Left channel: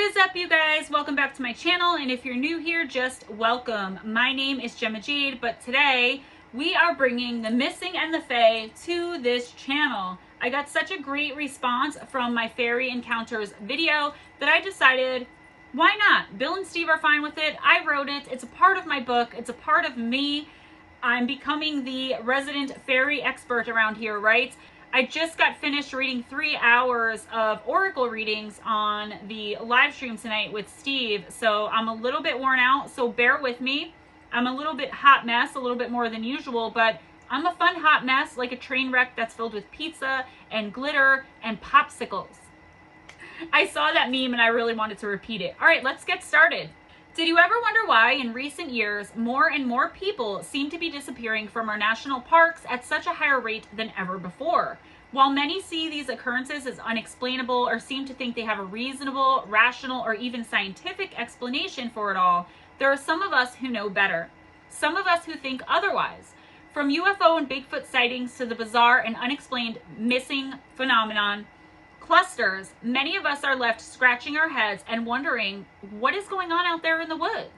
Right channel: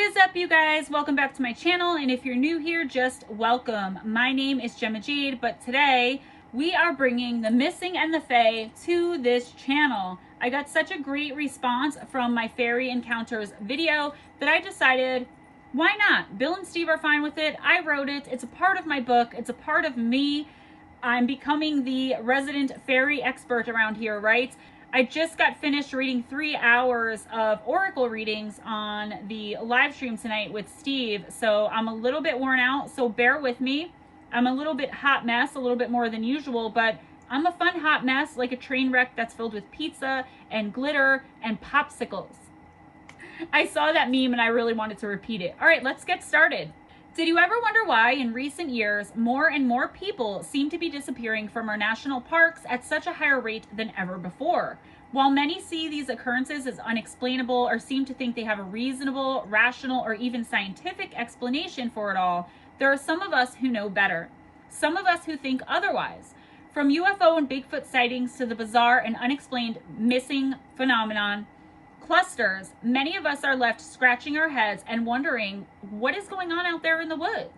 What is up, you guys? Welcome back to my channel, and if you're new here, just welcome. My name is Gemma Jade, but today we are bringing the Missing and the Fae to this channel. I got such a great response from my fairy encounters video that I decided, why not? Bill and Steve are fine with it. I wrote it. It's a part of my book. It's a part of me. I'm becoming the resident fairy expert around here, right? I just got finished reading 3 hours of oracle readings on the live stream tonight with Steve, so I'm a little bit worn out, so bear with me. I'm a little bit hot mess, a little bit more than usual, but I'm a fun hot mess, like a train wreck that's filled with pizza and glitter and popsicles. I saw that meme and I really wanted to repeat it. All right, let's get started. Did you ever wonder why in recent years more and more people seem to be disappearing from our national parks at such a higher rate than ever before? While many see these occurrences as unexplainable or seem to think they have a reasonable, rational, or even scientific explanation for it all, there are some of us who know better. Some of us who think otherwise. From UFO and Bigfoot sightings to the bizarre and unexplained missing phenomenon clusters, many of us are left scratching our heads and wondering what is going on out there in the woods.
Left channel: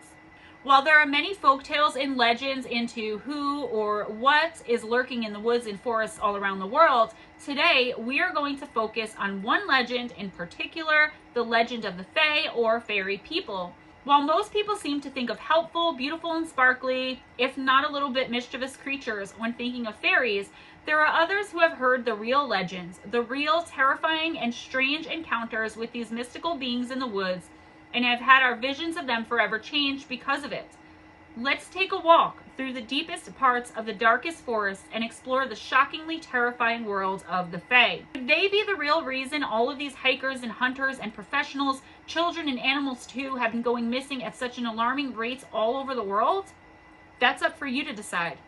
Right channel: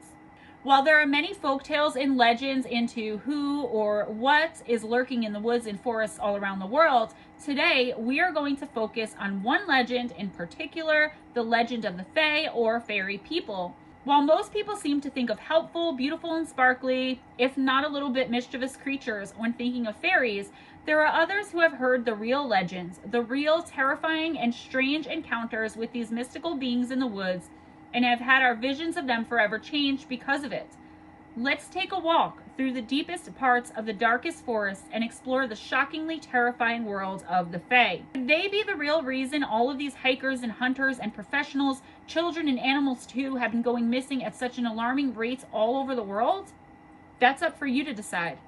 While there are many folktales and legends into who or what is lurking in the woods and forests all around the world, today we are going to focus on one legend in particular, the legend of the Fae or fairy people. While most people seem to think of helpful, beautiful, and sparkly, if not a little bit mischievous creatures when thinking of fairies, there are others who have heard the real legends, the real terrifying and strange encounters with these mystical beings in the woods, and have had our visions of them forever changed because of it. Let's take a walk through the deepest parts of the darkest forests and explore the shockingly terrifying world of the Fae. Could they be the real reason all of these hikers and hunters and professionals, children and animals too, have been going missing at such an alarming rate all over the world? That's up for you to decide.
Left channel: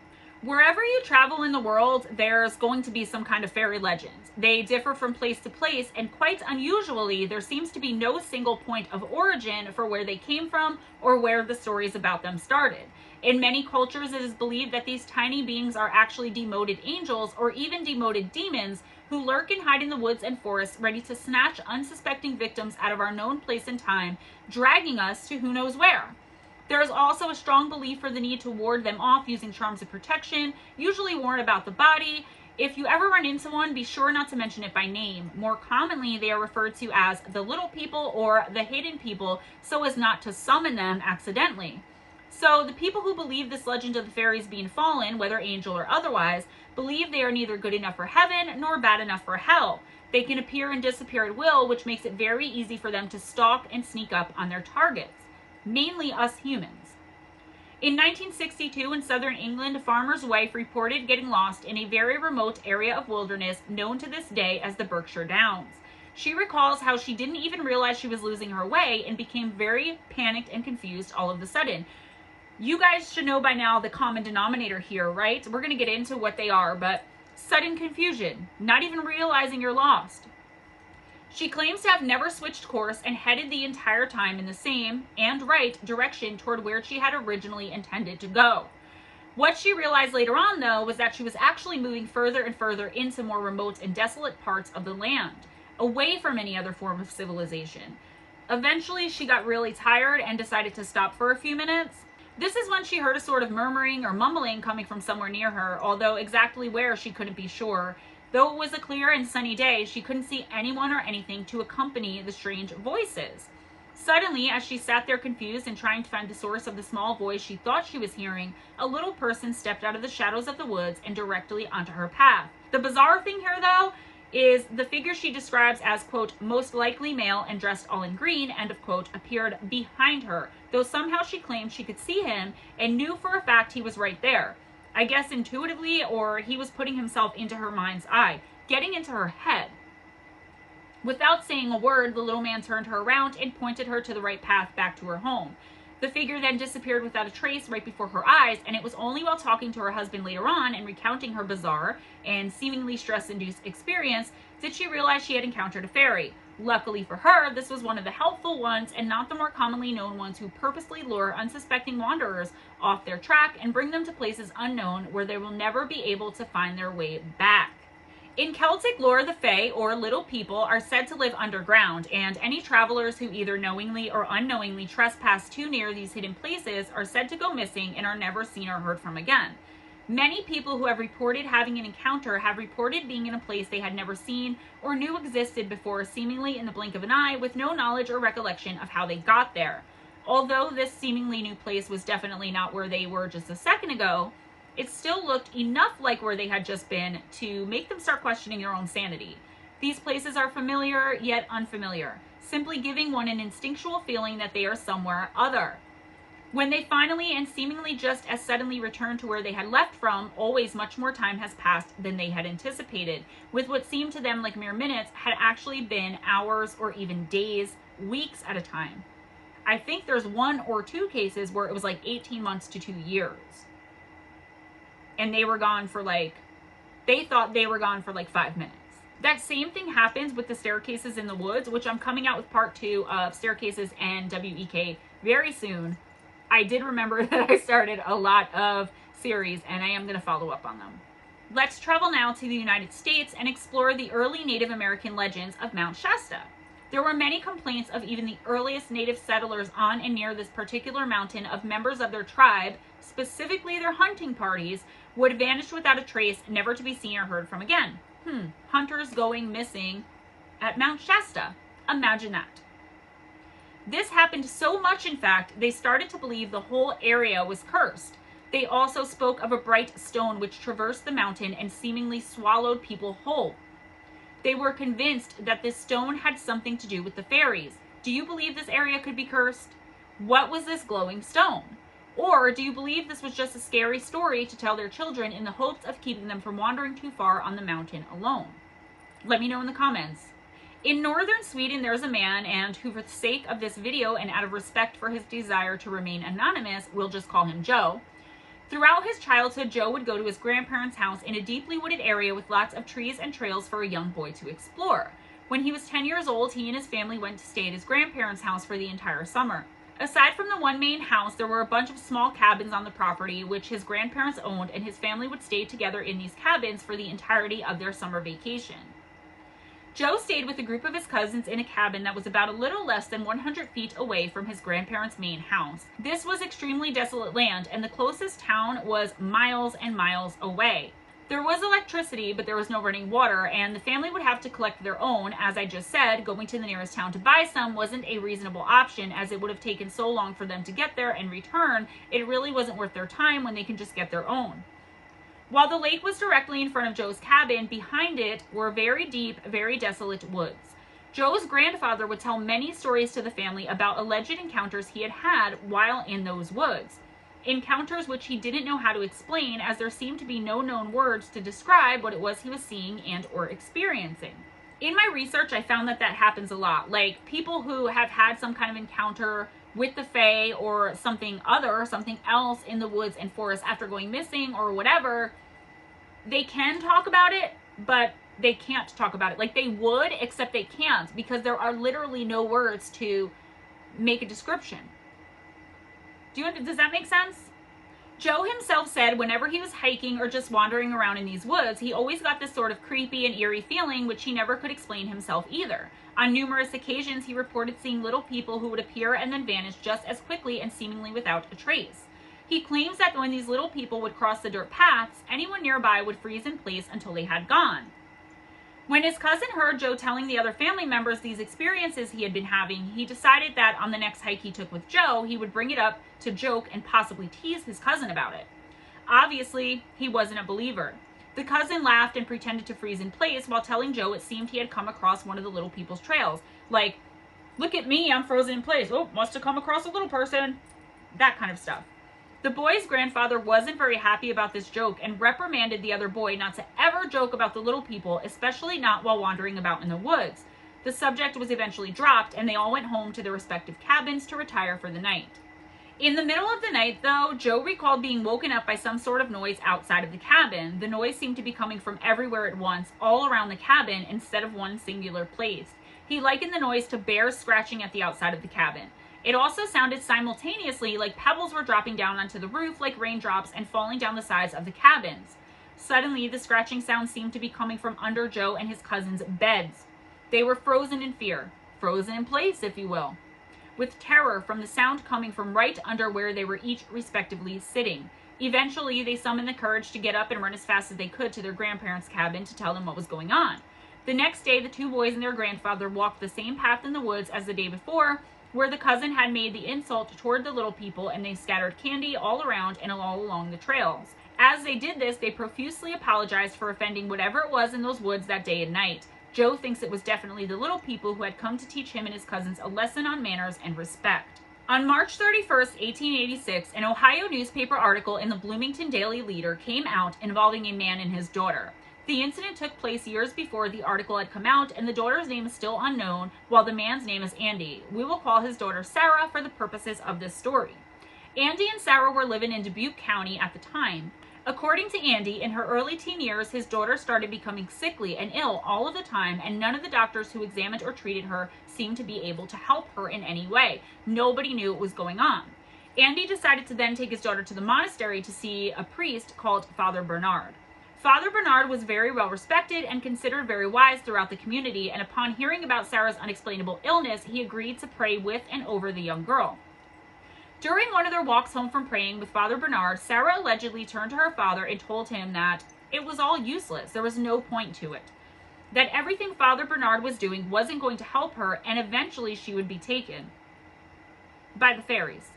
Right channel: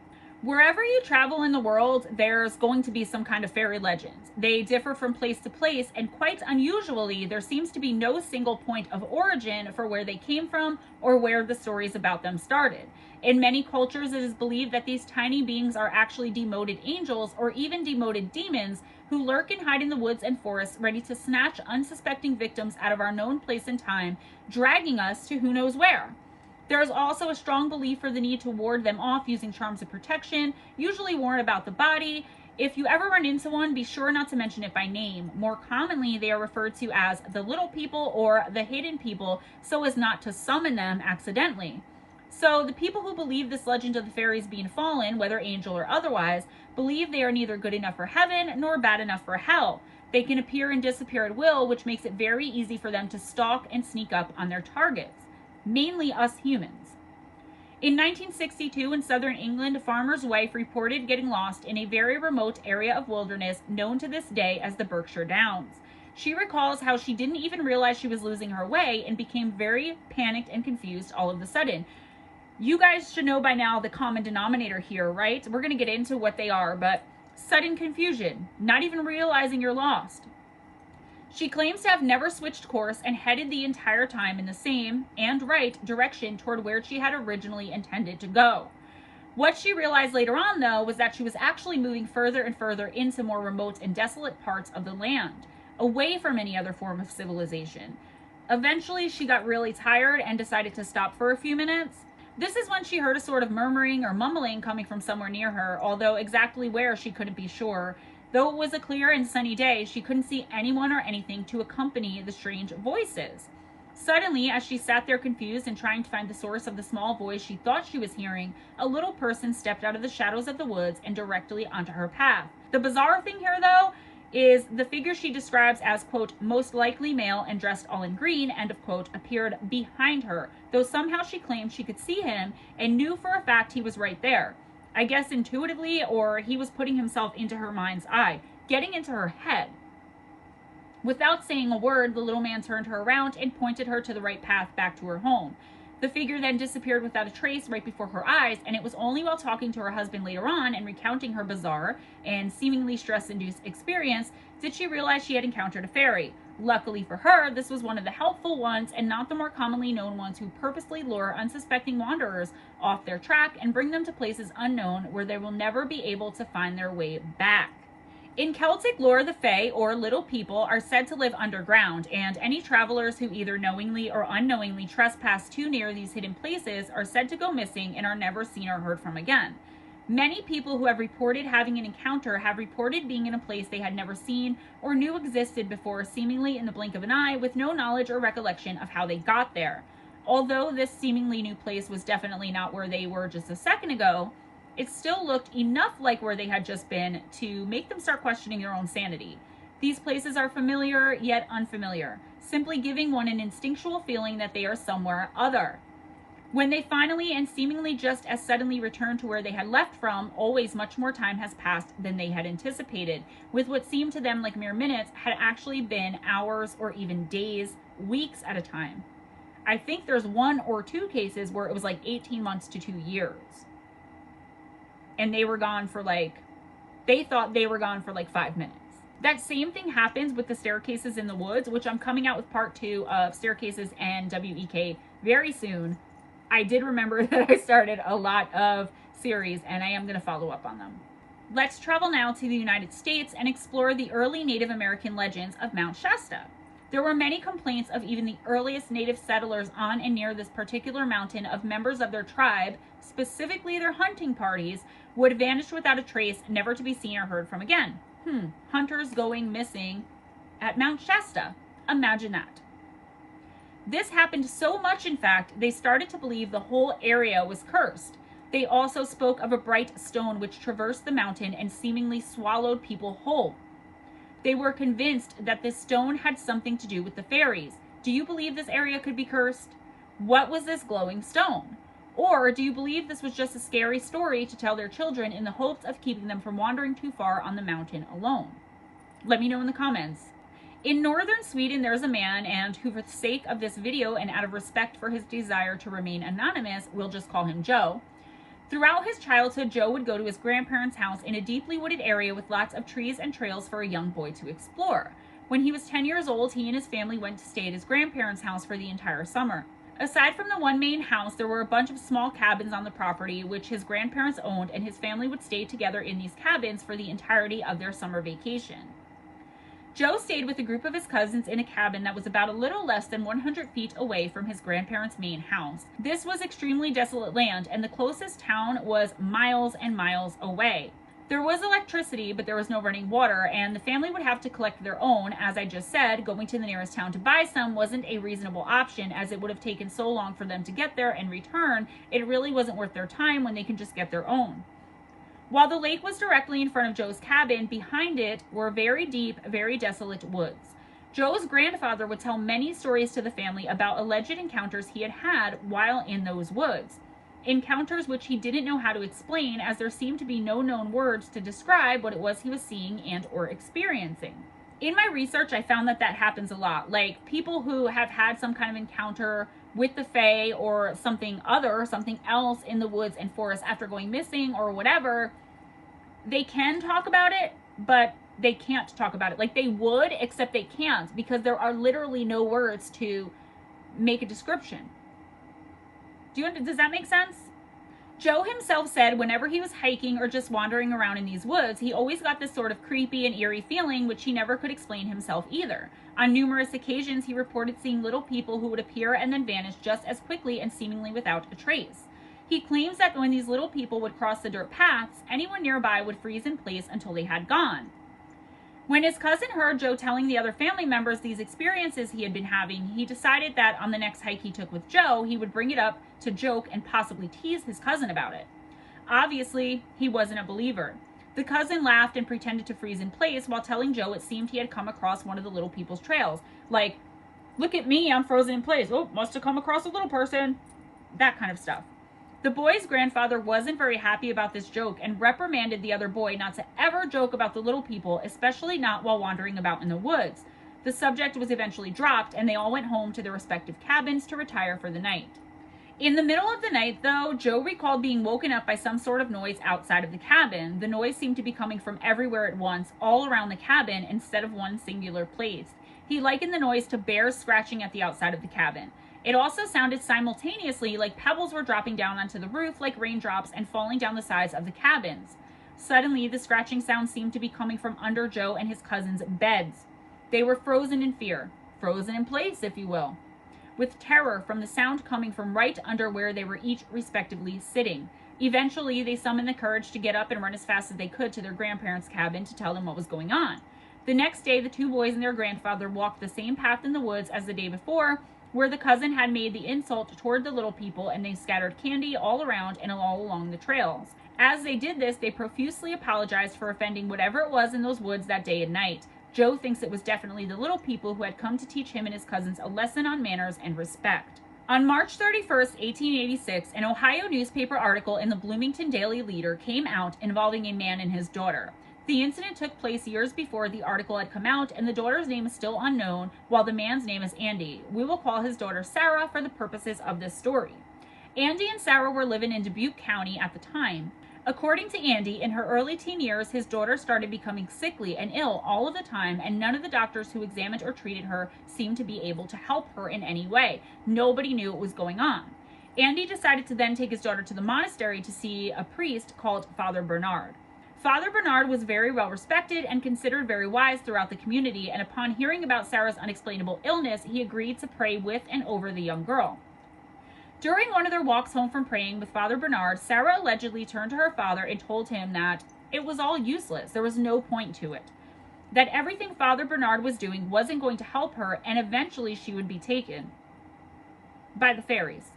Wherever you travel in the world, there's going to be some kind of fairy legend. They differ from place to place, and quite unusually, there seems to be no single point of origin for where they came from or where the stories about them started. In many cultures, it is believed that these tiny beings are actually demoted angels or even demoted demons who lurk and hide in the woods and forests, ready to snatch unsuspecting victims out of our known place and time, dragging us to who knows where. There is also a strong belief for the need to ward them off using charms of protection, usually worn about the body. If you ever run into one, be sure not to mention it by name. More commonly, they are referred to as the little people or the hidden people, so as not to summon them accidentally. So the people who believe this legend of the fairies being fallen, whether angel or otherwise, believe they are neither good enough for heaven nor bad enough for hell. They can appear and disappear at will, which makes it very easy for them to stalk and sneak up on their targets. Mainly us humans. In 1962 in southern England, a farmer's wife reported getting lost in a very remote area of wilderness known to this day as the Berkshire Downs. She recalls how she didn't even realize she was losing her way and became very panicked and confused all of a sudden. You guys should know by now the common denominator here, right? We're going to get into what they are, but sudden confusion, not even realizing you're lost. She claims to have never switched course and headed the entire time in the same and right direction toward where she had originally intended to go. What she realized later on, though, was that she was actually moving further and further into more remote and desolate parts of the land, away from any other form of civilization. Eventually, she got really tired and decided to stop for a few minutes. This is when she heard a sort of murmuring or mumbling coming from somewhere near her, although exactly where she couldn't be sure. Though it was a clear and sunny day, she couldn't see anyone or anything to accompany the strange voices. Suddenly, as she sat there confused and trying to find the source of the small voice she thought she was hearing, a little person stepped out of the shadows of the woods and directly onto her path. The bizarre thing here, though, is the figure she describes as, quote, most likely male and dressed all in green, end of quote, appeared behind her, though somehow she claimed she could see him and knew for a fact he was right there. I guess intuitively, or he was putting himself into her mind's eye, getting into her head. Without saying a word, the little man turned her around and pointed her to the right path back to her home. The figure then disappeared without a trace right before her eyes, and it was only while talking to her husband later on and recounting her bizarre and seemingly stress-induced experience did she realize she had encountered a fairy. Luckily for her, this was one of the helpful ones and not the more commonly known ones who purposely lure unsuspecting wanderers off their track and bring them to places unknown where they will never be able to find their way back. In Celtic lore, the Fae, or little people, are said to live underground, and any travelers who either knowingly or unknowingly trespass too near these hidden places are said to go missing and are never seen or heard from again. Many people who have reported having an encounter have reported being in a place they had never seen or knew existed before, seemingly in the blink of an eye, with no knowledge or recollection of how they got there. Although this seemingly new place was definitely not where they were just a second ago, it still looked enough like where they had just been to make them start questioning their own sanity. These places are familiar yet unfamiliar, simply giving one an instinctual feeling that they are somewhere other. When they finally and seemingly just as suddenly return to where they had left from, always much more time has passed than they had anticipated, with what seemed to them like mere minutes had actually been hours or even days, weeks at a time. I think there's 1 or 2 cases where it was like 18 months to 2 years. And they were gone for they thought they were gone for 5 minutes. That same thing happens with the staircases in the woods, which I'm coming out with part 2 of Staircases and WEK very soon. I did remember that I started a lot of series and I am going to follow up on them. Let's travel now to the United States and explore the early Native American legends of Mount Shasta. There were many complaints of even the earliest native settlers on and near this particular mountain of members of their tribe, specifically their hunting parties, would vanish without a trace, never to be seen or heard from again. Hunters going missing at Mount Shasta. Imagine that. This happened so much, in fact, they started to believe the whole area was cursed. They also spoke of a bright stone which traversed the mountain and seemingly swallowed people whole. They were convinced that this stone had something to do with the fairies. Do you believe this area could be cursed? What was this glowing stone? Or do you believe this was just a scary story to tell their children in the hopes of keeping them from wandering too far on the mountain alone? Let me know in the comments. In northern Sweden, there's a man, and who for the sake of this video and out of respect for his desire to remain anonymous, we'll just call him Joe. Throughout his childhood, Joe would go to his grandparents' house in a deeply wooded area with lots of trees and trails for a young boy to explore. When he was 10 years old, he and his family went to stay at his grandparents' house for the entire summer. Aside from the one main house, there were a bunch of small cabins on the property which his grandparents owned, and his family would stay together in these cabins for the entirety of their summer vacation. Joe stayed with a group of his cousins in a cabin that was about a little less than 100 feet away from his grandparents' main house. This was extremely desolate land, and the closest town was miles and miles away. There was electricity, but there was no running water, and the family would have to collect their own. As I just said, going to the nearest town to buy some wasn't a reasonable option, as it would have taken so long for them to get there and return. It really wasn't worth their time when they can just get their own. While the lake was directly in front of Joe's cabin, behind it were very deep, very desolate woods. Joe's grandfather would tell many stories to the family about alleged encounters he had had while in those woods. Encounters which he didn't know how to explain, as there seemed to be no known words to describe what it was he was seeing and or experiencing. In my research, I found that happens a lot. Like, people who have had some kind of encounter with the Fae or something else in the woods and forests after going missing or whatever, they can talk about it, but they can't talk about it. Like, they would, except they can't, because there are literally no words to make a description. Does that make sense? Joe himself said whenever he was hiking or just wandering around in these woods, he always got this sort of creepy and eerie feeling, which he never could explain himself either. On numerous occasions, he reported seeing little people who would appear and then vanish just as quickly and seemingly without a trace. He claims that when these little people would cross the dirt paths, anyone nearby would freeze in place until they had gone. When his cousin heard Joe telling the other family members these experiences he had been having, he decided that on the next hike he took with Joe, he would bring it up to joke and possibly tease his cousin about it. Obviously, he wasn't a believer. The cousin laughed and pretended to freeze in place while telling Joe it seemed he had come across one of the little people's trails. Like, look at me, I'm frozen in place. Oh, must have come across a little person. That kind of stuff. The boy's grandfather wasn't very happy about this joke and reprimanded the other boy not to ever joke about the little people, especially not while wandering about in the woods. The subject was eventually dropped, and they all went home to their respective cabins to retire for the night. In the middle of the night, though, Joe recalled being woken up by some sort of noise outside of the cabin. The noise seemed to be coming from everywhere at once, all around the cabin, instead of one singular place. He likened the noise to bears scratching at the outside of the cabin. It also sounded simultaneously like pebbles were dropping down onto the roof like raindrops and falling down the sides of the cabins. Suddenly, the scratching sound seemed to be coming from under Joe and his cousins' beds. They were frozen in fear, frozen in place, if you will, with terror from the sound coming from right under where they were each respectively sitting. Eventually, they summoned the courage to get up and run as fast as they could to their grandparents' cabin to tell them what was going on. The next day, the two boys and their grandfather walked the same path in the woods as the day before, where the cousin had made the insult toward the little people, and they scattered candy all around and all along the trails. As they did this, they profusely apologized for offending whatever it was in those woods that day and night. Joe thinks it was definitely the little people who had come to teach him and his cousins a lesson on manners and respect. On March 31st, 1886, an Ohio newspaper article in the Bloomington Daily Leader came out involving a man and his daughter. The incident took place years before the article had come out, and the daughter's name is still unknown, while the man's name is Andy. We will call his daughter Sarah for the purposes of this story. Andy and Sarah were living in Dubuque County at the time. According to Andy, in her early teen years, his daughter started becoming sickly and ill all of the time, and none of the doctors who examined or treated her seemed to be able to help her in any way. Nobody knew what was going on. Andy decided to then take his daughter to the monastery to see a priest called Father Bernard. Father Bernard was very well respected and considered very wise throughout the community, and upon hearing about Sarah's unexplainable illness, he agreed to pray with and over the young girl. During one of their walks home from praying with Father Bernard, Sarah allegedly turned to her father and told him that it was all useless. There was no point to it. That everything Father Bernard was doing wasn't going to help her, and eventually she would be taken by the fairies.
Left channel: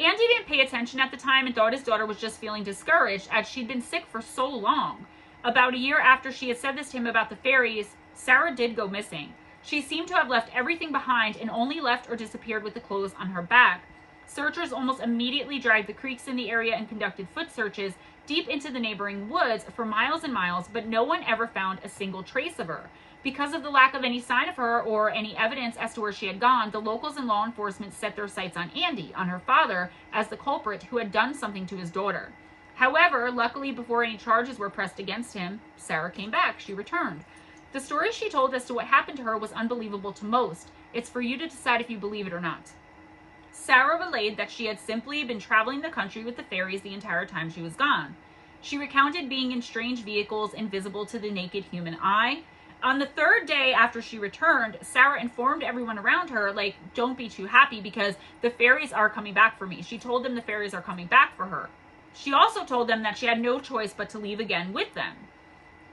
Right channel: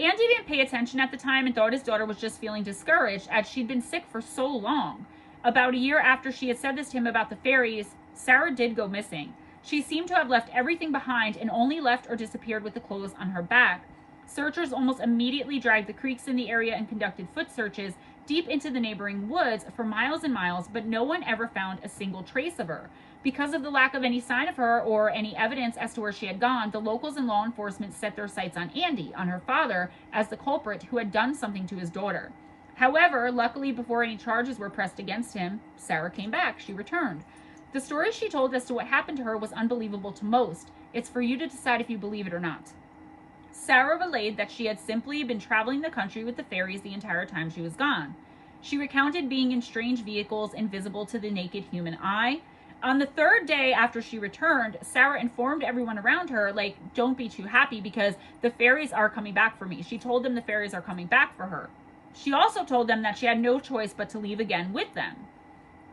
Andy didn't pay attention at the time and thought his daughter was just feeling discouraged as she'd been sick for so long. About a year after she had said this to him about the fairies, Sarah did go missing. She seemed to have left everything behind and only left or disappeared with the clothes on her back. Searchers almost immediately dragged the creeks in the area and conducted foot searches deep into the neighboring woods for miles and miles, but no one ever found a single trace of her. Because of the lack of any sign of her or any evidence as to where she had gone, the locals and law enforcement set their sights on Andy, on her father, as the culprit who had done something to his daughter. However, luckily before any charges were pressed against him, Sarah came back. She returned. The story she told as to what happened to her was unbelievable to most. It's for you to decide if you believe it or not. Sarah relayed that she had simply been traveling the country with the fairies the entire time she was gone. She recounted being in strange vehicles invisible to the naked human eye. On the third day after she returned, Sarah informed everyone around her, like, don't be too happy because the fairies are coming back for me. She told them the fairies are coming back for her. She also told them that she had no choice but to leave again with them.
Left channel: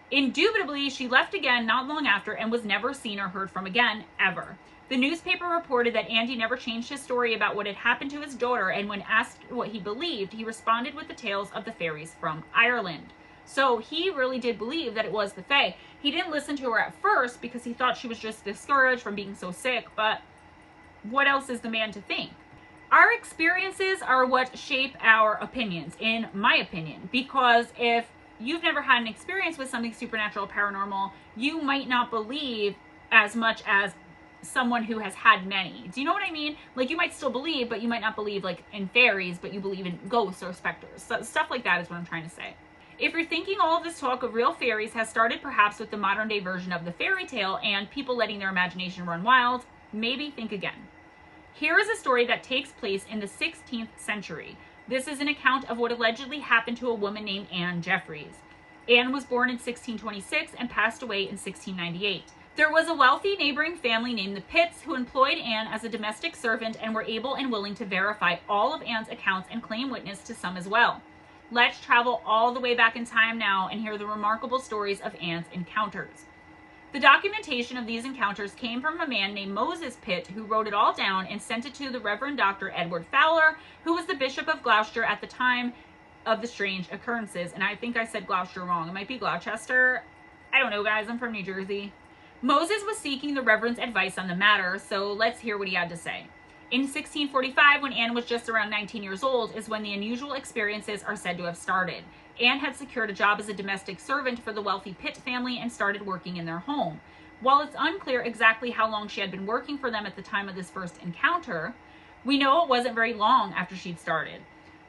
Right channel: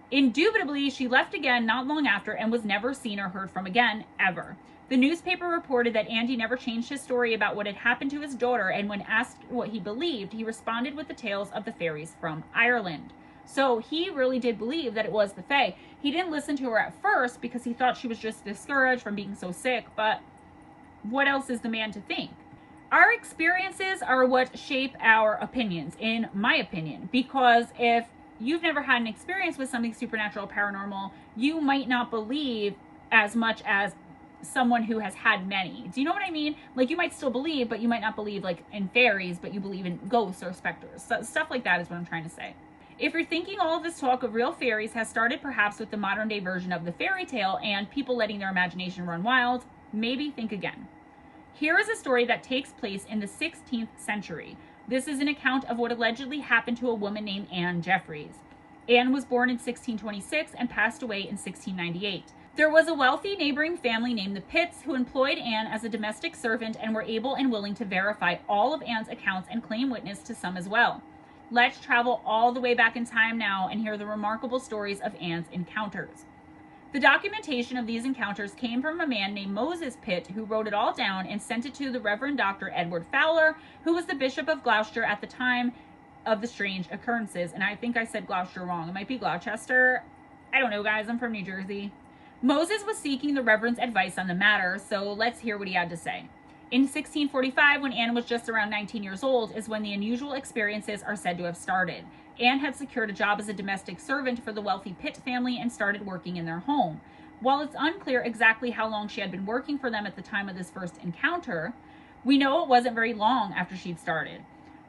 Indubitably, she left again not long after and was never seen or heard from again, ever. The newspaper reported that Andy never changed his story about what had happened to his daughter, and when asked what he believed, he responded with the tales of the fairies from Ireland. So he really did believe that it was the Fae. He didn't listen to her at first because he thought she was just discouraged from being so sick, but what else is the man to think? Our experiences are what shape our opinions, in my opinion, because if you've never had an experience with something supernatural, paranormal, you might not believe as much as someone who has had many. Do you know what I mean? Like, you might still believe, but you might not believe like in fairies, but you believe in ghosts or specters. So, stuff like that is what I'm trying to say. If you're thinking all of this talk of real fairies has started perhaps with the modern day version of the fairy tale and people letting their imagination run wild, maybe think again. Here is a story that takes place in the 16th century. This is an account of what allegedly happened to a woman named Anne Jeffries. Anne was born in 1626 and passed away in 1698. There was a wealthy neighboring family named the Pitts who employed Anne as a domestic servant and were able and willing to verify all of Anne's accounts and claim witness to some as well. Let's travel all the way back in time now and hear the remarkable stories of Anne's encounters. The documentation of these encounters came from a man named Moses Pitt, who wrote it all down and sent it to the Reverend Dr. Edward Fowler, who was the Bishop of Gloucester at the time of the strange occurrences. And I think I said Gloucester wrong. It might be Gloucester. I don't know, guys. I'm from New Jersey. Moses was seeking the Reverend's advice on the matter, so let's hear what he had to say. In 1645, when Anne was just around 19 years old, is when the unusual experiences are said to have started. Anne had secured a job as a domestic servant for the wealthy Pitt family and started working in their home. While it's unclear exactly how long she had been working for them at the time of this first encounter, we know it wasn't very long after she'd started.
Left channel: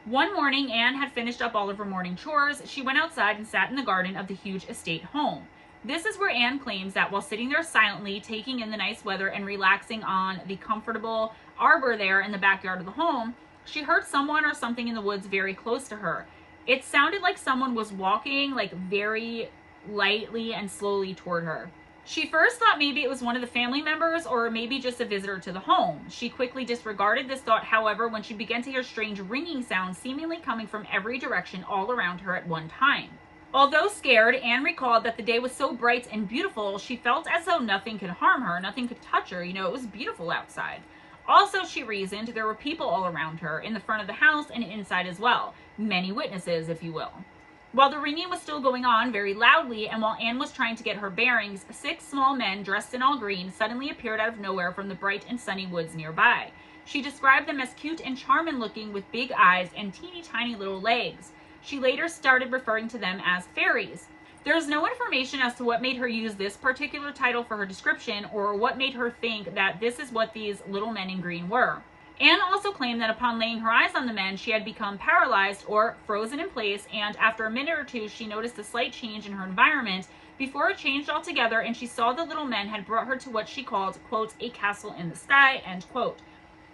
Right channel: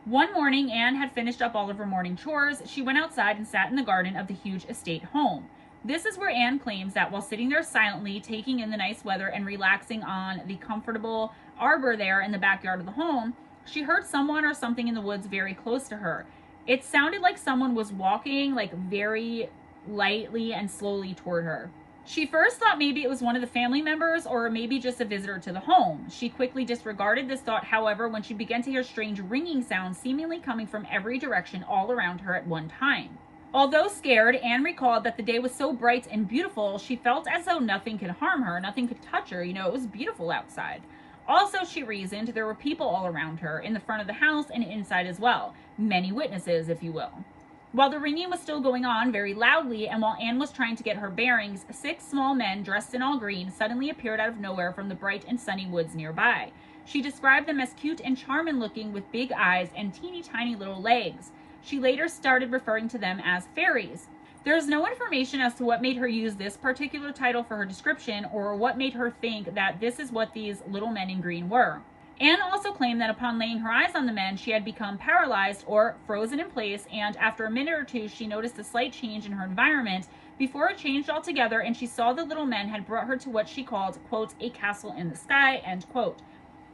One morning, Anne had finished up all of her morning chores. She went outside and sat in the garden of the huge estate home. This is where Anne claims that while sitting there silently, taking in the nice weather and relaxing on the comfortable arbor there in the backyard of the home, she heard someone or something in the woods very close to her. It sounded like someone was walking like very lightly and slowly toward her. She first thought maybe it was one of the family members or maybe just a visitor to the home. She quickly disregarded this thought, however, when she began to hear strange ringing sounds seemingly coming from every direction all around her at one time. Although scared, Anne recalled that the day was so bright and beautiful, she felt as though nothing could harm her, nothing could touch her. You know, it was beautiful outside. Also, she reasoned, there were people all around her, in the front of the house and inside as well. Many witnesses, if you will. While the ringing was still going on very loudly, and while Anne was trying to get her bearings, 6 small men dressed in all green suddenly appeared out of nowhere from the bright and sunny woods nearby. She described them as cute and charming looking with big eyes and teeny tiny little legs. She later started referring to them as fairies. There is no information as to what made her use this particular title for her description or what made her think that this is what these little men in green were. Anne also claimed that upon laying her eyes on the men, she had become paralyzed or frozen in place, and after a minute or two, she noticed a slight change in her environment before it changed altogether, and she saw the little men had brought her to what she called, quote, a castle in the sky, end quote.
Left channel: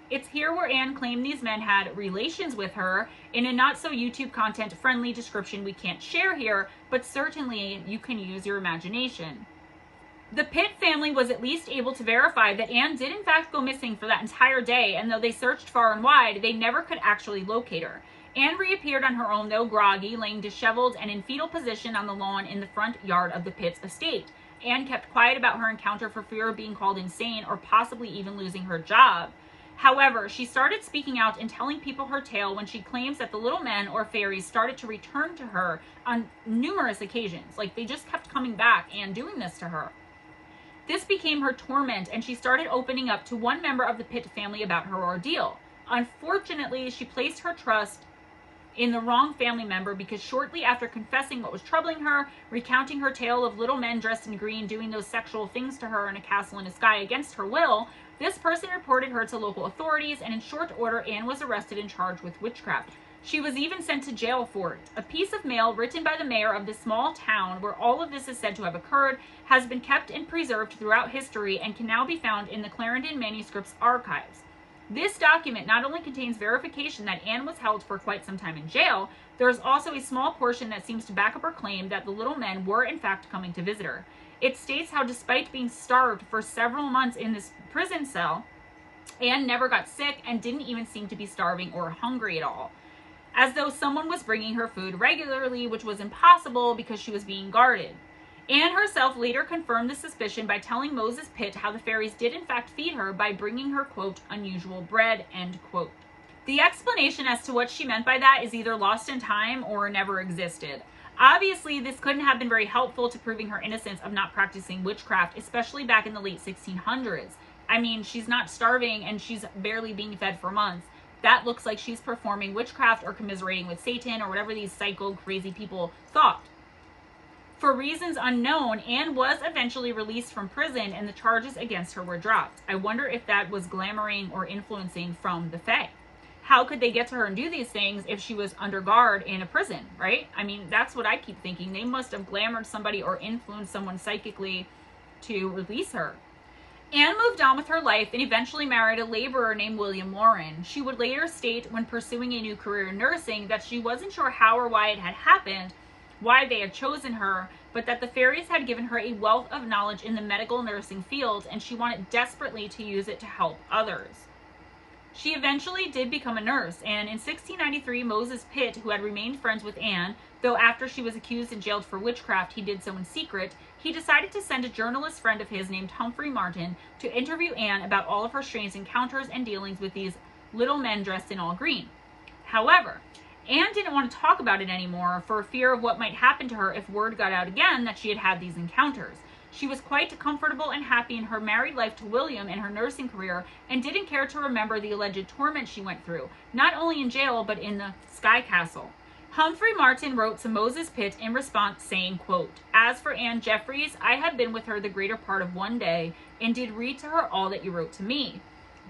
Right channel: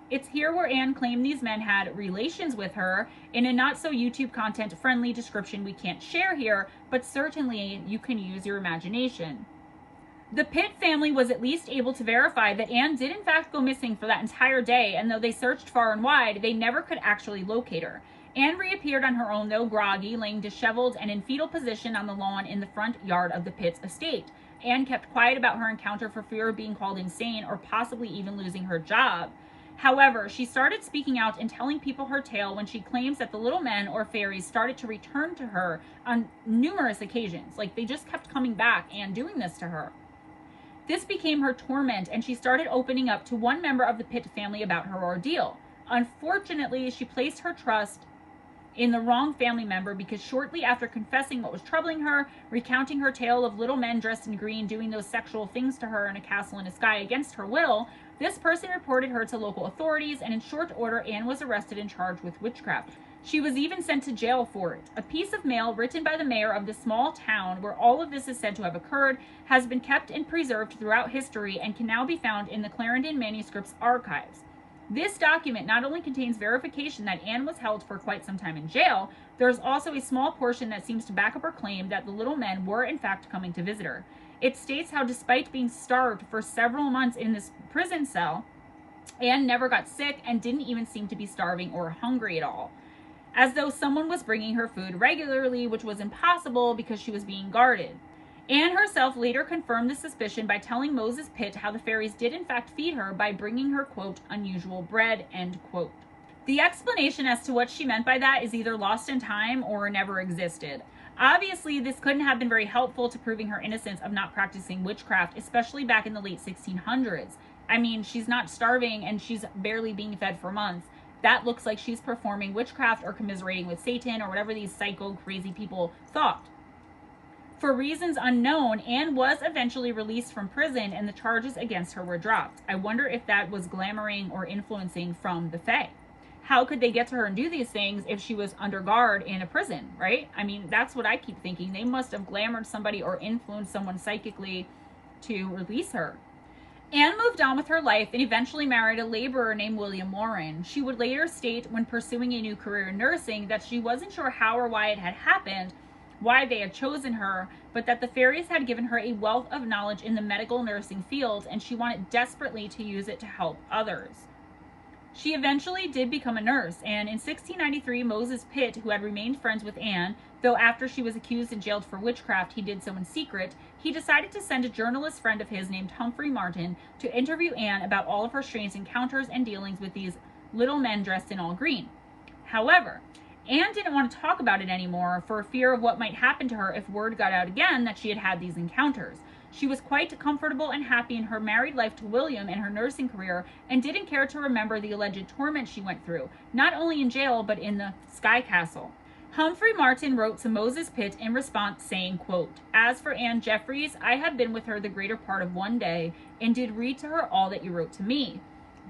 It's here where Anne claimed these men had relations with her in a not so YouTube content friendly description we can't share here, but certainly you can use your imagination. The Pitt family was at least able to verify that Anne did in fact go missing for that entire day, and though they searched far and wide, they never could actually locate her. Anne reappeared on her own, though groggy, laying disheveled and in fetal position on the lawn in the front yard of the Pitts estate. Anne kept quiet about her encounter for fear of being called insane or possibly even losing her job. However, she started speaking out and telling people her tale when she claims that the little men or fairies started to return to her on numerous occasions. Like, they just kept coming back and doing this to her. This became her torment, and she started opening up to one member of the Pitt family about her ordeal. Unfortunately, she placed her trust in the wrong family member because shortly after confessing what was troubling her, recounting her tale of little men dressed in green doing those sexual things to her in a castle in the sky against her will, this person reported her to local authorities, and in short order, Anne was arrested and charged with witchcraft. She was even sent to jail for it. A piece of mail written by the mayor of this small town where all of this is said to have occurred has been kept and preserved throughout history and can now be found in the Clarendon Manuscripts archives. This document not only contains verification that Anne was held for quite some time in jail, there is also a small portion that seems to back up her claim that the little men were in fact coming to visit her. It states how despite being starved for several months in this prison cell, Anne never got sick and didn't even seem to be starving or hungry at all, as though someone was bringing her food regularly, which was impossible because she was being guarded. Anne herself later confirmed the suspicion by telling Moses Pitt how the fairies did in fact feed her by bringing her, quote, unusual bread, end quote. The explanation as to what she meant by that is either lost in time or never existed. Obviously, this couldn't have been very helpful to proving her innocence of not practicing witchcraft, especially back in the late 1600s. I mean, she's not starving and she's barely being fed for months. That looks like she's performing witchcraft or commiserating with Satan or whatever these psycho crazy people thought. For reasons unknown, Anne was eventually released from prison and the charges against her were dropped. I wonder if that was glamoring or influencing from the Fae. How could they get to her and do these things if she was under guard in a prison, right? I mean, that's what I keep thinking. They must have glamored somebody or influenced someone psychically to release her. Anne moved on with her life and eventually married a laborer named William Warren. She would later state when pursuing a new career in nursing that she wasn't sure how or why it had happened, why they had chosen her, but that the fairies had given her a wealth of knowledge in the medical nursing field and she wanted desperately to use it to help others. She eventually did become a nurse, and in 1693, Moses Pitt, who had remained friends with Anne, though after she was accused and jailed for witchcraft, he did so in secret, he decided to send a journalist friend of his named Humphrey Martin to interview Anne about all of her strange encounters and dealings with these little men dressed in all green. However, Anne didn't want to talk about it anymore for fear of what might happen to her if word got out again that she had had these encounters. She was quite comfortable and happy in her married life to William and her nursing career and didn't care to remember the alleged torment she went through, not only in jail but in the Sky Castle. Humphrey Martin wrote to Moses Pitt in response saying, quote, "As for Anne Jeffries, I have been with her the greater part of one day and did read to her all that you wrote to me.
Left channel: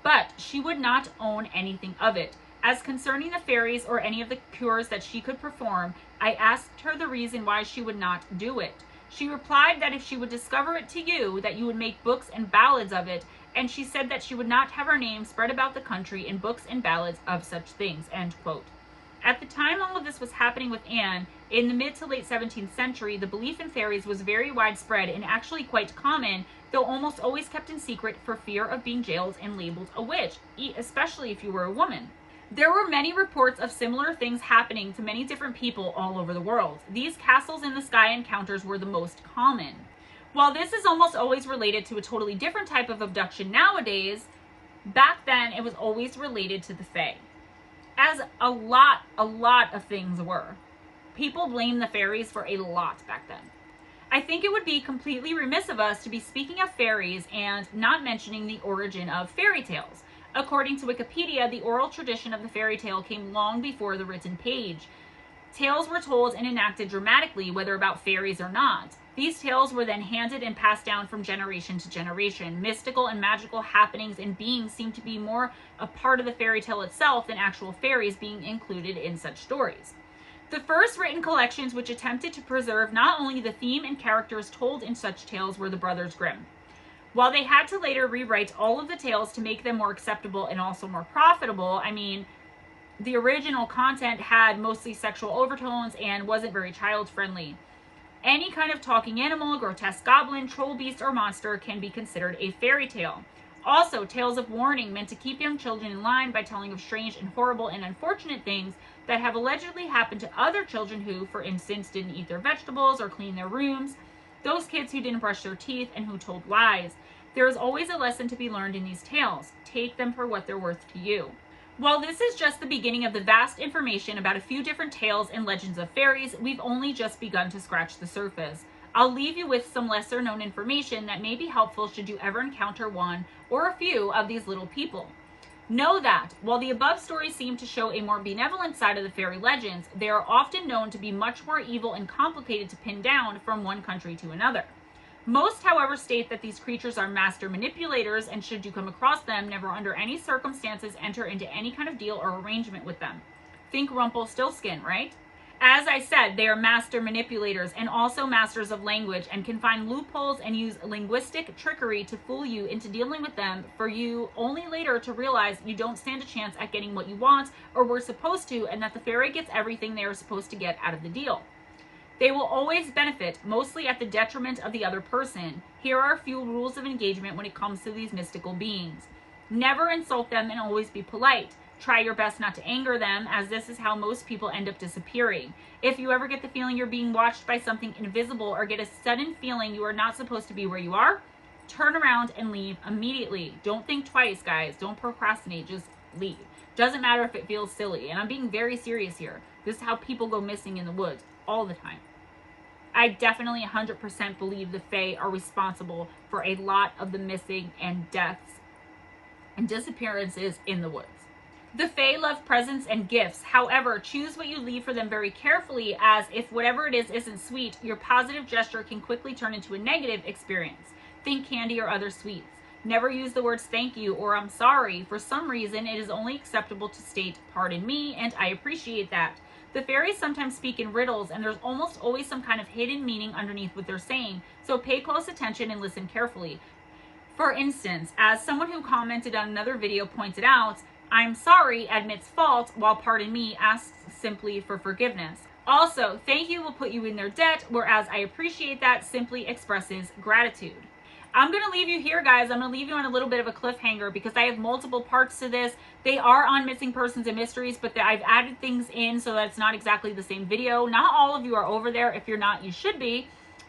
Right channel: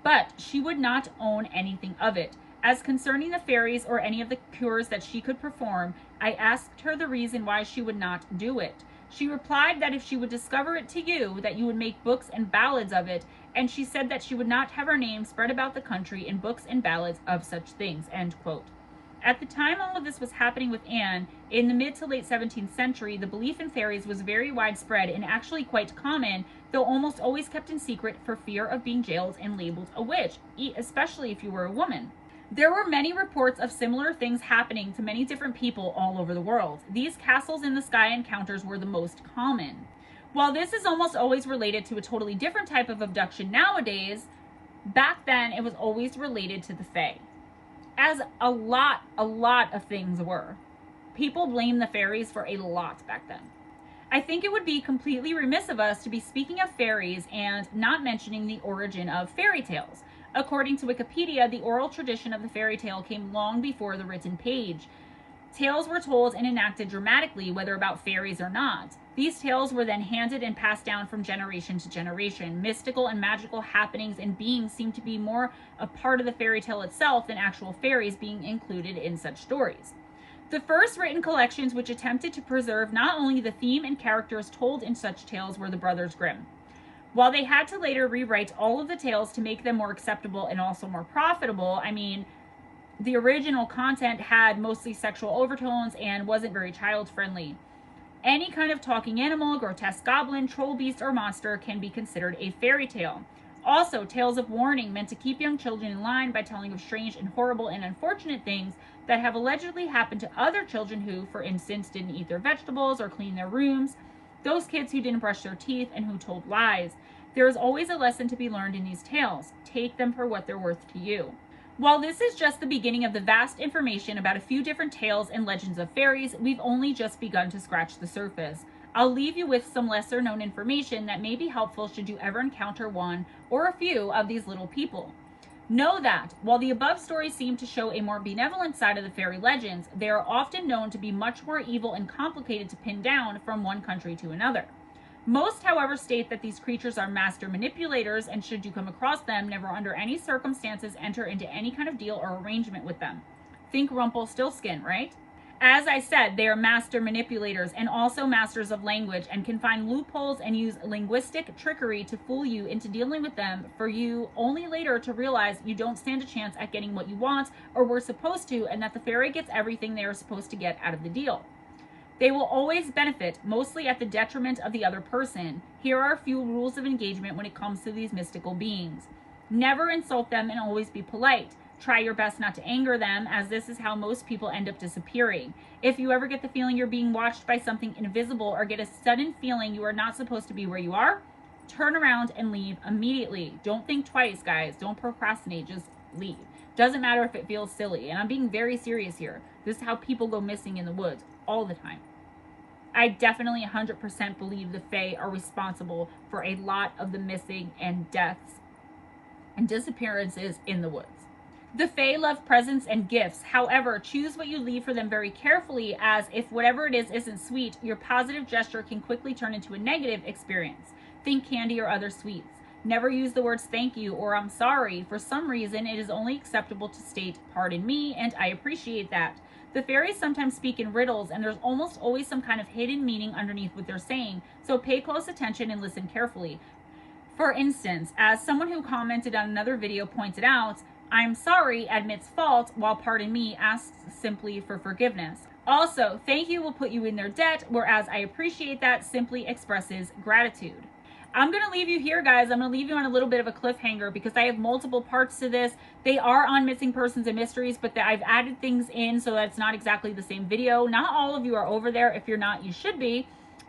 But she would not own anything of it. As concerning the fairies or any of the cures that she could perform, I asked her the reason why she would not do it. She replied that if she would discover it to you, that you would make books and ballads of it, and she said that she would not have her name spread about the country in books and ballads of such things," end quote. At the time all of this was happening with Anne, in the mid to late 17th century, the belief in fairies was very widespread and actually quite common, though almost always kept in secret for fear of being jailed and labeled a witch, especially if you were a woman. There were many reports of similar things happening to many different people all over the world. These castles in the sky encounters were the most common. While this is almost always related to a totally different type of abduction nowadays, back then it was always related to the Fae. As a lot of things were. People blamed the fairies for a lot back then. I think it would be completely remiss of us to be speaking of fairies and not mentioning the origin of fairy tales. According to Wikipedia, the oral tradition of the fairy tale came long before the written page. Tales were told and enacted dramatically, whether about fairies or not. These tales were then handed and passed down from generation to generation. Mystical and magical happenings and beings seem to be more a part of the fairy tale itself than actual fairies being included in such stories. The first written collections which attempted to preserve not only the theme and characters told in such tales were the Brothers Grimm. While they had to later rewrite all of the tales to make them more acceptable and also more profitable, I mean, the original content had mostly sexual overtones and wasn't very child-friendly. Any kind of talking animal, grotesque goblin, troll, beast, or monster can be considered a fairy tale. Also, tales of warning meant to keep young children in line by telling of strange and horrible and unfortunate things that have allegedly happened to other children who, for instance, didn't eat their vegetables or clean their rooms, those kids who didn't brush their teeth, and who told lies. There is always a lesson to be learned in these tales. Take them for what they're worth to you. While this is just the beginning of the vast information about a few different tales and legends of fairies, we've only just begun to scratch the surface. I'll leave you with some lesser known information that may be helpful should you ever encounter one or a few of these little people. Know that, while the above stories seem to show a more benevolent side of the fairy legends, they are often known to be much more evil and complicated to pin down from one country to another. Most, however, state that these creatures are master manipulators, and should you come across them, never under any circumstances enter into any kind of deal or arrangement with them. Think Rumpelstiltskin, right? As I said, they are master manipulators and also masters of language, and can find loopholes and use linguistic trickery to fool you into dealing with them, for you only later to realize you don't stand a chance at getting what you want or were supposed to, and that the fairy gets everything they are supposed to get out of the deal. They will always benefit, mostly at the detriment of the other person. Here are a few rules of engagement when it comes to these mystical beings. Never insult them and always be polite. Try your best not to anger them, as this is how most people end up disappearing. If you ever get the feeling you're being watched by something invisible or get a sudden feeling you are not supposed to be where you are, turn around and leave immediately. Don't think twice, guys. Don't procrastinate. Just leave. Doesn't matter if it feels silly. And I'm being very serious here. This is how people go missing in the woods all the time. I definitely 100% believe the Fae are responsible for a lot of the missing and deaths and disappearances in the woods. The Fae love presents and gifts. However, choose what you leave for them very carefully, as if whatever it is isn't sweet, your positive gesture can quickly turn into a negative experience. Think candy or other sweets. Never use the words thank you or I'm sorry. For some reason, it is only acceptable to state pardon me, and I appreciate that. The fairies sometimes speak in riddles, and there's almost always some kind of hidden meaning underneath what they're saying, so pay close attention and listen carefully. For instance, as someone who commented on another video pointed out, I'm sorry admits fault, while pardon me asks simply for forgiveness. Also, thank you will put you in their debt, whereas I appreciate that simply expresses gratitude. I'm going to leave you here, guys. I'm going to leave you on a little bit of a cliffhanger because I have multiple parts to this. They are on missing persons and mysteries, but I've added things in so that it's not exactly the same video. Not all of you are over there. If you're not, you should be.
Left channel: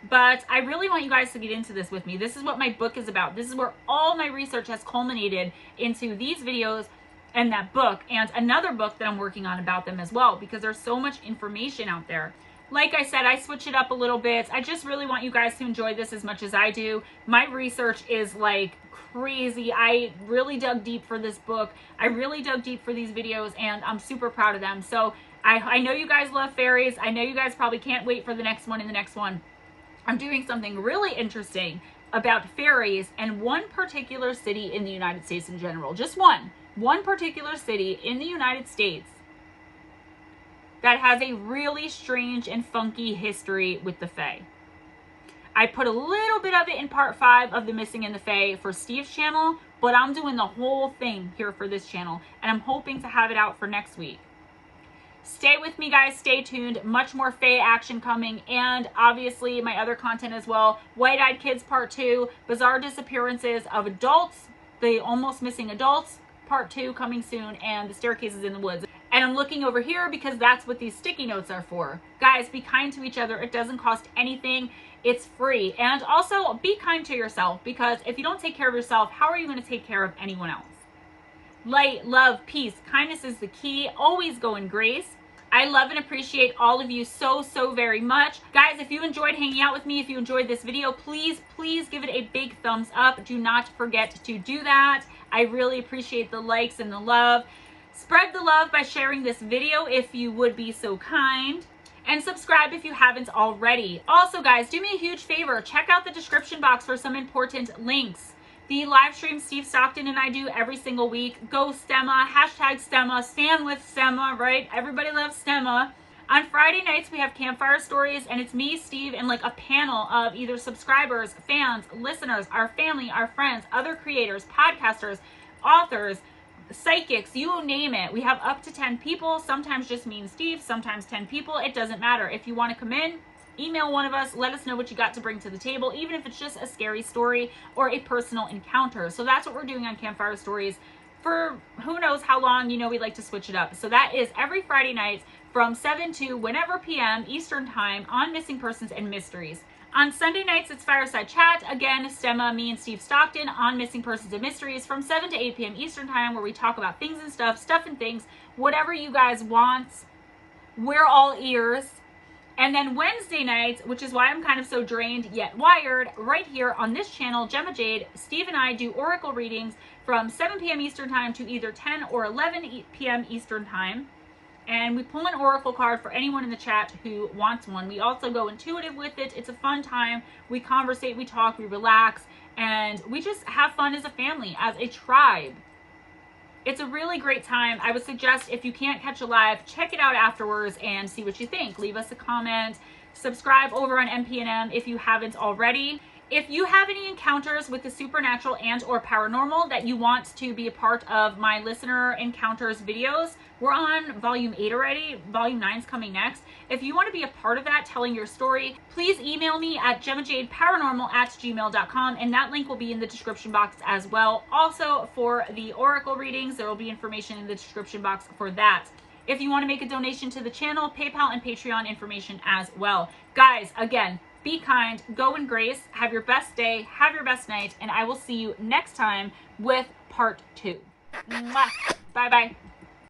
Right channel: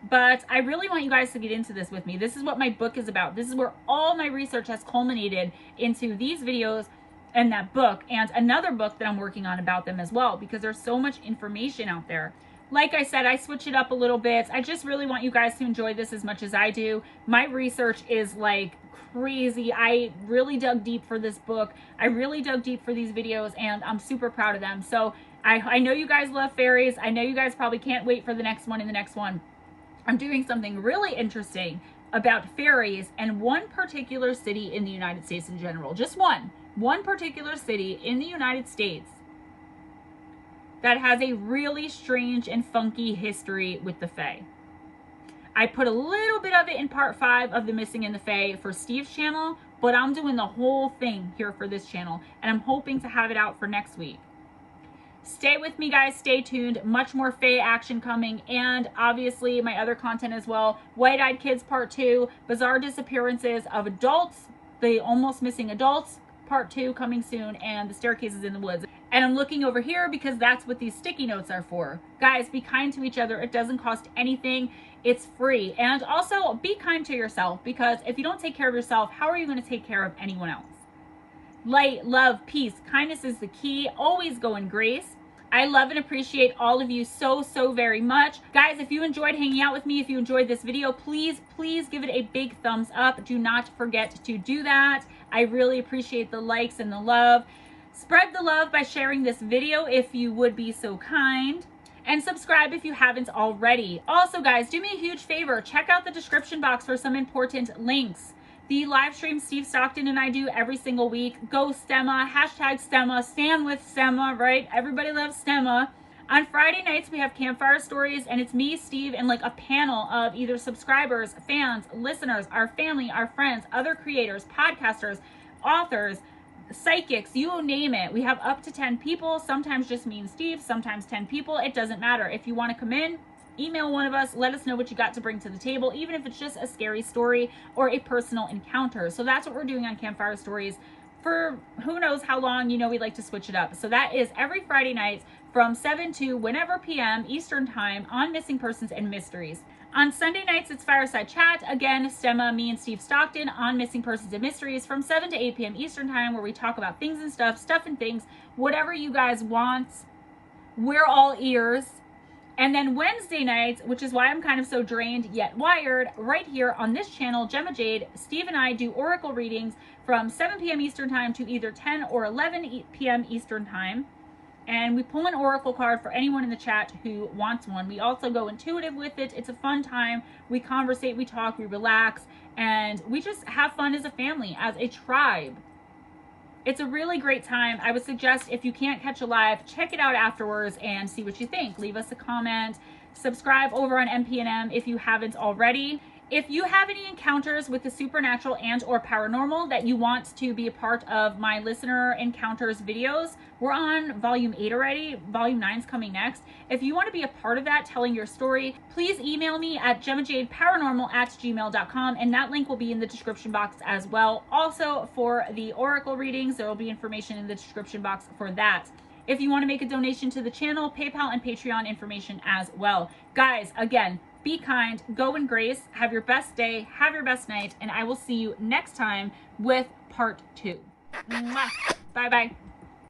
But I really want you guys to get into this with me. This is what my book is about. This is where all my research has culminated into these videos and that book, and another book that I'm working on about them as well, because there's so much information out there. Like I said, I switch it up a little bit. I just really want you guys to enjoy this as much as I do. My research is like crazy. I really dug deep for this book. I really dug deep for these videos, and I'm super proud of them. So I know you guys love fairies. I know you guys probably can't wait for the next one and the next one. I'm doing something really interesting about fairies and one particular city in the United States in general. Just one particular city in the United States that has a really strange and funky history with the Fae. I put a little bit of it in part 5 of the Missing in the Fae for Steve's channel, but I'm doing the whole thing here for this channel, and I'm hoping to have it out for next week. Stay with me, guys. Stay tuned. Much more Fae action coming, and obviously my other content as well. White-Eyed Kids Part 2, Bizarre Disappearances of Adults, the Almost Missing Adults Part 2 coming soon, and The Staircases in the Woods. And I'm looking over here because that's what these sticky notes are for. Guys, be kind to each other. It doesn't cost anything. It's free. And also be kind to yourself, because if you don't take care of yourself, how are you going to take care of anyone else? Light, love, peace, kindness is the key. Always go in grace. I love and appreciate all of you so very much. Guys, if you enjoyed hanging out with me, if you enjoyed this video, please give it a big thumbs up. Do not forget to do that. I really appreciate the likes and the love. Spread the love by sharing this video if you would be so kind. And subscribe if you haven't already. Also, guys, do me a huge favor. Check out the description box for some important links. The live stream Steve Stockton and I do every single week. Go Stemma, hashtag Stemma, stand with Stemma, right? Everybody loves Stemma. On Friday nights, we have Campfire Stories, and it's me, Steve, and like a panel of either subscribers, fans, listeners, our family, our friends, other creators, podcasters, authors, psychics, you name it. We have up to 10 people, sometimes just me and Steve, sometimes 10 people. It doesn't matter. If you want to come in, email one of us, let us know what you got to bring to the table, even if it's just a scary story or a personal encounter. So that's what we're doing on Campfire Stories for who knows how long. You know, we like to switch it up. So that is every Friday night from 7 to whenever p.m. Eastern time on Missing Persons and Mysteries. On Sunday nights, it's Fireside Chat. Again, Stemma, me, and Steve Stockton on Missing Persons and Mysteries from 7 to 8 p.m. Eastern time, where we talk about things and stuff and things, whatever you guys want. We're all ears. And then Wednesday nights, which is why I'm kind of so drained yet wired, right here on this channel, Gemma Jade, Steve and I do oracle readings from 7 p.m. Eastern time to either 10 or 11 p.m. Eastern time. And we pull an oracle card for anyone in the chat who wants one. We also go intuitive with it. It's a fun time. We conversate, we talk, we relax, and we just have fun as a family, as a tribe. It's a really great time. I would suggest if you can't catch a live, check it out afterwards and see what you think. Leave us a comment. Subscribe over on MP&M if you haven't already. If you have any encounters with the supernatural and or paranormal that you want to be a part of my listener encounters videos, we're on volume 8 already. Volume 9 is coming next. If you want to be a part of that, telling your story, please email me at gemmajadeparanormal@gmail.com, and that link will be in the description box as well. Also, for the oracle readings, there will be information in the description box for that. If you want to make a donation to the channel, PayPal and Patreon information as well. Guys, again, be kind, go in grace, have your best day, have your best night, and I will see you next time with part 2. Mwah. Bye-bye.